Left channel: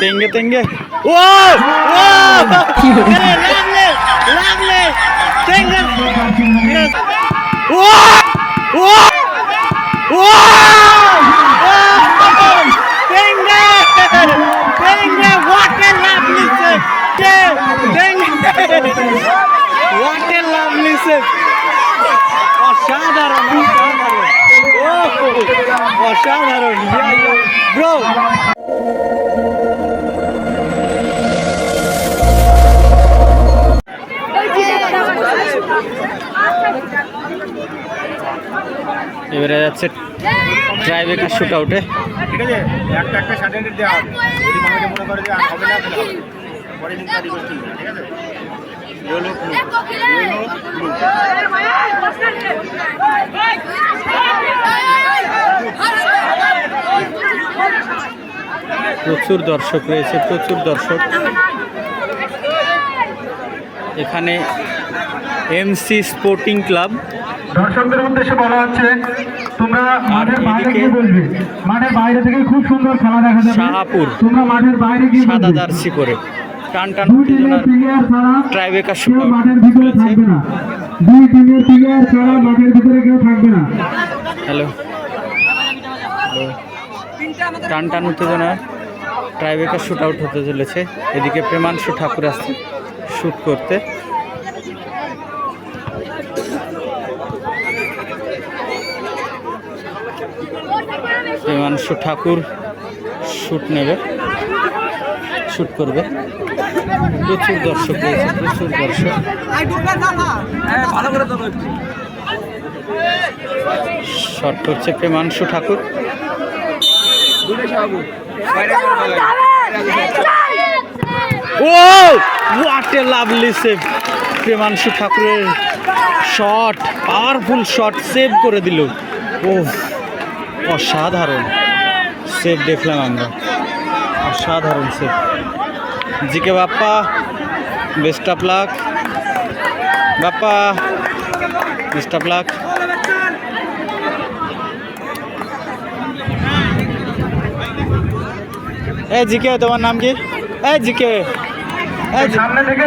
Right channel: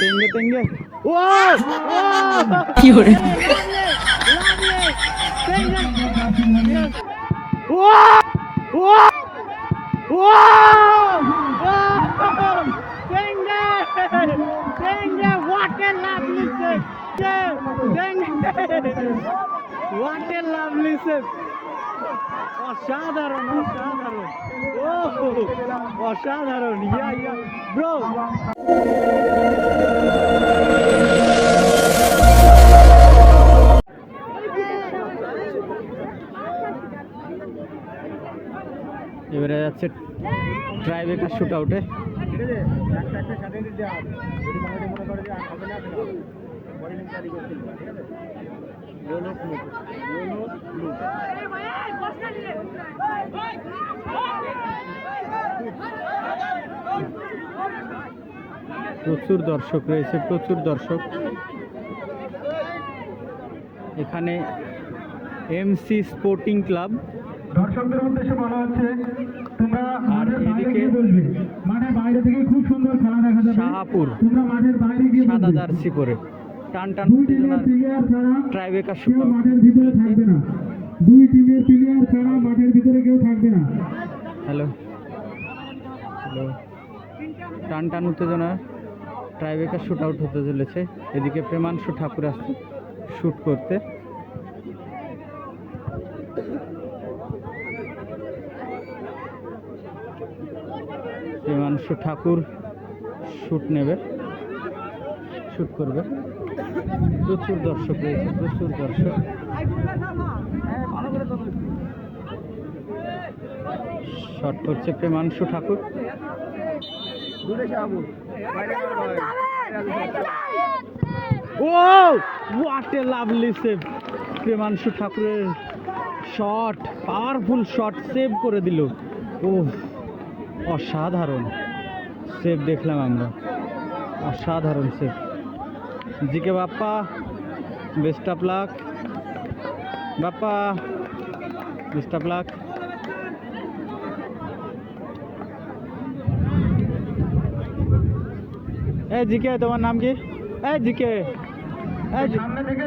তেঙ্গে তেঙ্গে ও ও কি হলো? লাগলে লাগলে তেঙ্গে ও ও ও তেঙ্গে তেঙ্গে what a lovely save তেঙ্গে what a lovely save অসাধারণ অসাধারণ ও অসাধারণ। ব্রো এবারে যাচ্ছে ট্রাইবেকার শুট আউটে ঠিক আছে একটা একটা সার্টিফিকেট দেওয়া হবে। যদি মনে করে যে হবে না তাহলে হবে। পরে কিন্তু রিকোয়েস্ট না ঠিক আছে? ইয়েলো ব্লু ইয়েলো ব্লু প্রচুর দর্শক রয়েছে প্রচুর দর্শক। এখানে এমসি স্পোর্টিং ক্লাব দর্শকদের উদ্দেশ্যে বলা হচ্ছে তোমরা মাঠের বাইরে গিয়ে বলবে মাঠের বাইরে থেকে খুব সুন্দর খেলা দেখা যাবে। শাহাপুর তোমরা মাঠের বাইরে গিয়ে সাদা জার্সি পরে। টান টান উত্তেজনার ট্রাইবেকার কেউ শুট মাঠের ভিতরে থাকবে না। দুই টিমের প্লেয়ার ছাড়া মাঠের ভিতরে কেউ থাকবে না। হ্যালো। হ্যালো। টান টান উত্তেজনা। ট্রাইবেকার শ্যুট আউট হতে চলেছে। এদিকে প্রেমাংশু ঠাকুর আসছে শ্যুট করতে। প্রেমাংশু ঠাকুর শ্যুট নেবে শ্যুট করবে। প্রচুর দর্শক রয়েছে, প্রচুর দর্শক। শট করছে Premanshu Thakur. Oh what a lovely save Premanshu ঠাকুরের শট পাওয়ারফুল শট সেভ করে দিল। ও অসাধারণ সেভ দেখলাম আমরা। অসাধারণ save GK Bappa best of luck Bappa best of luck A GK তোমার নাম কি? এ জিকে। এ জি- সামনে থেকে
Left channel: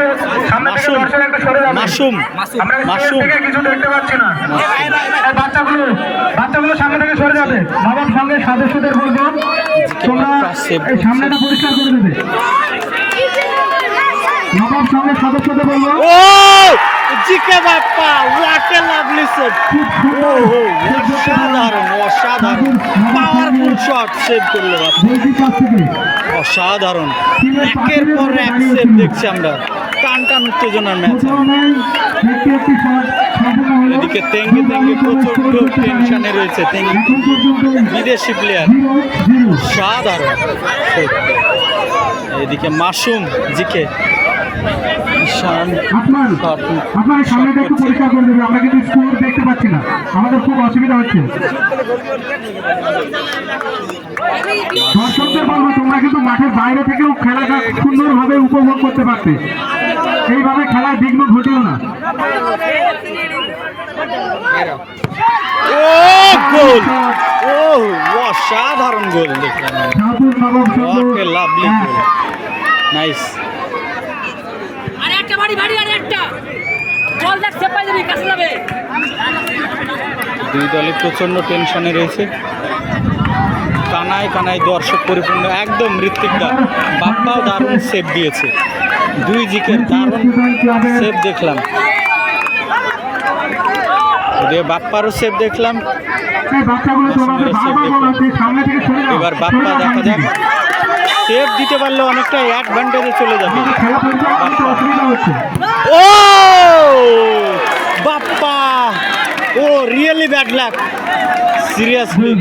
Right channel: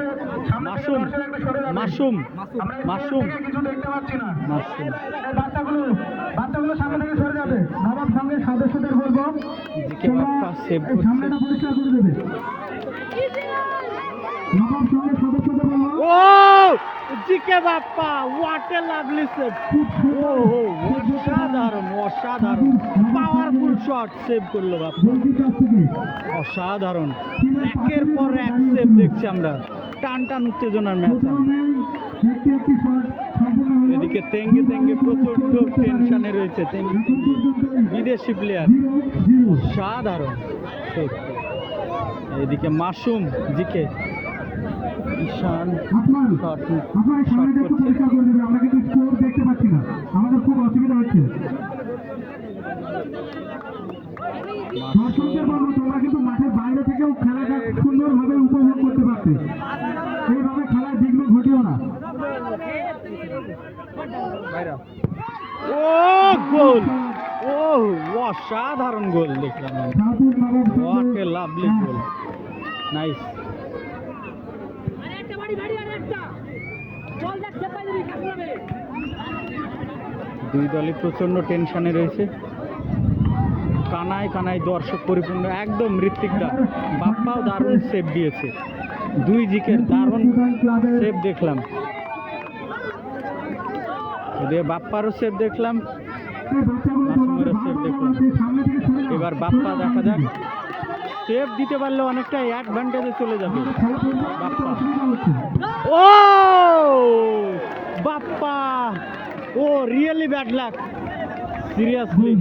সামনে থেকে মাসুম। দর্শক একটু সরে যাবে। মাসুম। আমরা মাসুম। স্টেজ কিছু দেখতে পাচ্ছি না। এই বাচ্চাগুলো বাচ্চাগুলো সামনে থেকে সরে যাবে। বাবার সঙ্গে সদস্যদের বলব তোমরা বাপ্পা save এই সামনেটা পরিষ্কার করে দেবে। নবাব সঙ্গে সদস্যদের বলব ও! GK Bappa what a lovely save ও ও অসাধারণ অসাধারণ। পাওয়ারফুল শট সেভ করল অসাধারণ। একের পর এক সেভ দেখছি আমরা। টান টান উত্তেজনার ম্যাচ এদিকে তেঙ্গে তেঙ্গে প্রচণ্ড টেনশনে রয়েছে। তেঙ্গে বিদেশি প্লেয়ার সাধারণ। এদিকে মাসুম জিকে আপনার আপনার সামনেটা একটু পরিষ্কার করে আমরা কিন্তু স্কোর দেখতে পাচ্ছি না। আমাদের খুব অসুবিধা হচ্ছে। দর্শকদের বলব তোমরা কিন্তু মাঠের বাইরে থেকেও খেলাটা সুন্দরভাবে উপভোগ করতে পারতে। এইভাবে খেলায় বিঘ্ন ঘটেও না। ও গোল! ও অসাধারণ গোল দেখলাম. নাইস বাড়ি বাড়ি আরে একটা। বল দেখ সেভ পাই কাছে যাবে। দুই দলে প্রচণ্ড টেনশনে রয়েছে। কানায় কানায় দর্শক পরিপূর্ণ একদম ঋত্বিকদা বাপ্পাও দারুণ সেভ দিয়েছে। দুই জিকের দারুণ সেভ দেখলাম। বাপ্পারও সেভ দেখলাম। এবার বাপ্পা দেখা যাক। সেভ দিতে পারলে অনেকটা অ্যাডভান্টেজে চলে যাবে। ও! Bappa! Oh really bad luck seriously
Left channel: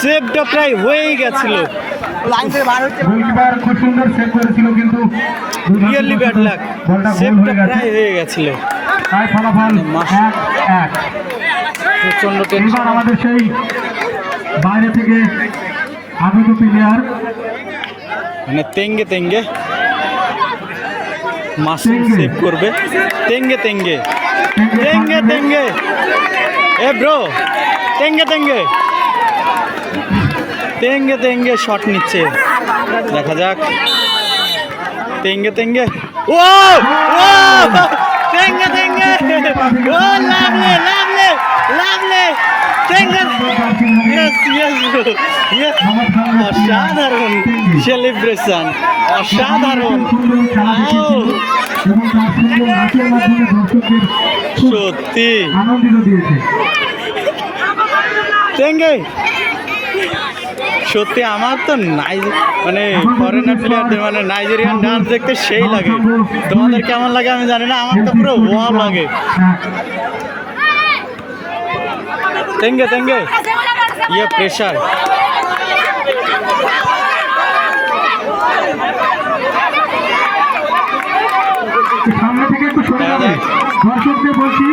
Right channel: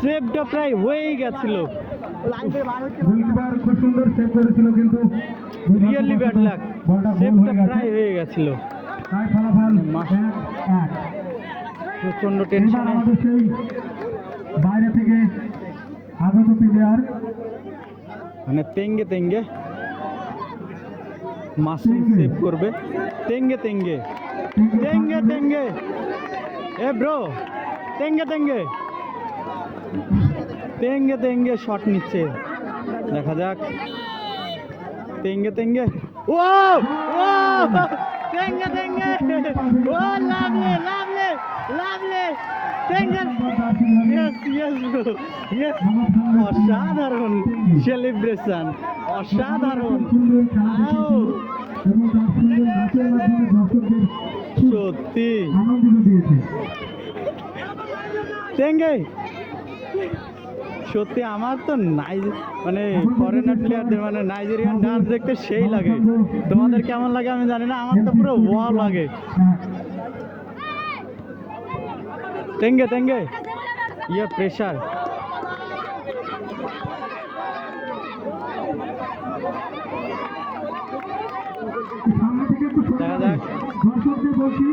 সেভটা প্রায় হয়েই গেছিল। রিয়েলি ব্যাড লাক সেভটা প্রায় হয়ে গেছিল। এক প্রচণ্ড টেনশন আমাদের সেই বাইরে থেকে আগত প্লেয়ার মানে তেঙ্গে তেঙ্গে মাসুম সেভ করবে। তেঙ্গে তেঙ্গে। তেঙ্গে তেঙ্গে। এ ব্রো তেঙ্গে তেঙ্গে। তেঙ্গে তেঙ্গে শট নিচ্ছে। দেখা যাক। তেঙ্গে তেঙ্গে। ও ও তেঙ্গে তেঙ্গে। ও লাভলে লাভলে অসাধারণ সেলিব্রেশন অসাধারণ। সত্যি। তেঙ্গে সত্যি আমার তো নাই মানে ফরেনার প্লেয়ারদের মানে নাইজেরিয়ান ডান্স দেখতে সেই লাগে। তোমাদের কেমন লাগে আমি জানি না, আমার তো পুরো ওয়াও লাগে। যাবে। যাক। দর্শকদের বলছি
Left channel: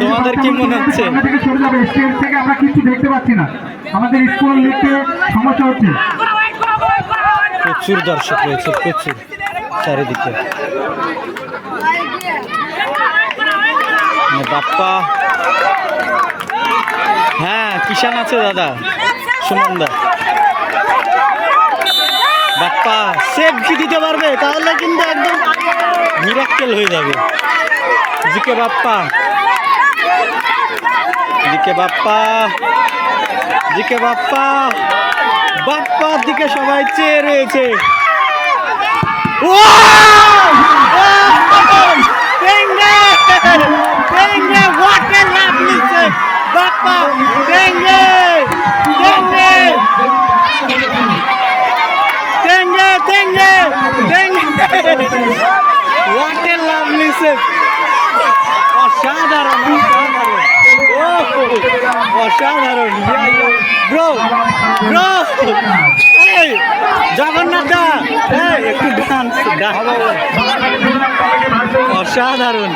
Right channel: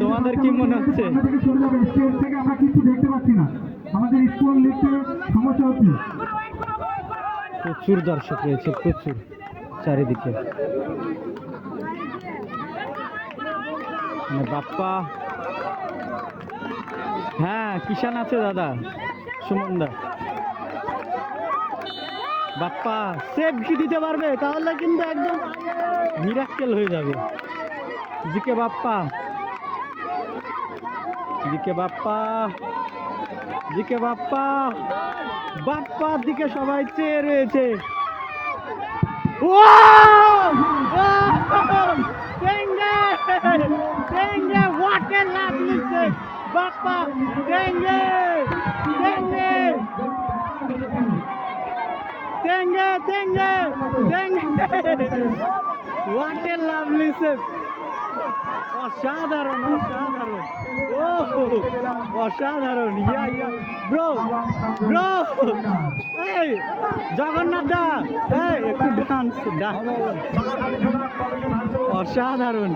তোমাদের কি মনে হচ্ছে? থেকে সরে যাবে। স্টেজ থেকে আমরা কিছু দেখতে পাচ্ছি না। আমাদের স্কুল লিখতে সমস্যা হচ্ছে। প্রচুর দর্শক রয়েছে প্রচুর চারিদিকে। মানে বাপ্পা হ্যাঁ কিষান আছে দাদা। সুমন দা। বাপ্পা কি দিতে পারবে? তাহলে কিন্তু একদম মিরাক্কেল হয়ে যাবে। GK Bappa. GK Bappa. GK Bappa. বাপ্পার দিকে সবাই চেয়ে রয়েছে। বাপ্পা টেঙ্গে টেঙ্গে টেঙ্গে টেঙ্গে টেঙ্গে হোয়াট এ লাভলি সেভ অসাধারণ অসাধারণ। ও অসাধারণ। ব্রো ব্রো এই, জগন্নাথ দা, এই, একটু ডান্স অসাধারণ।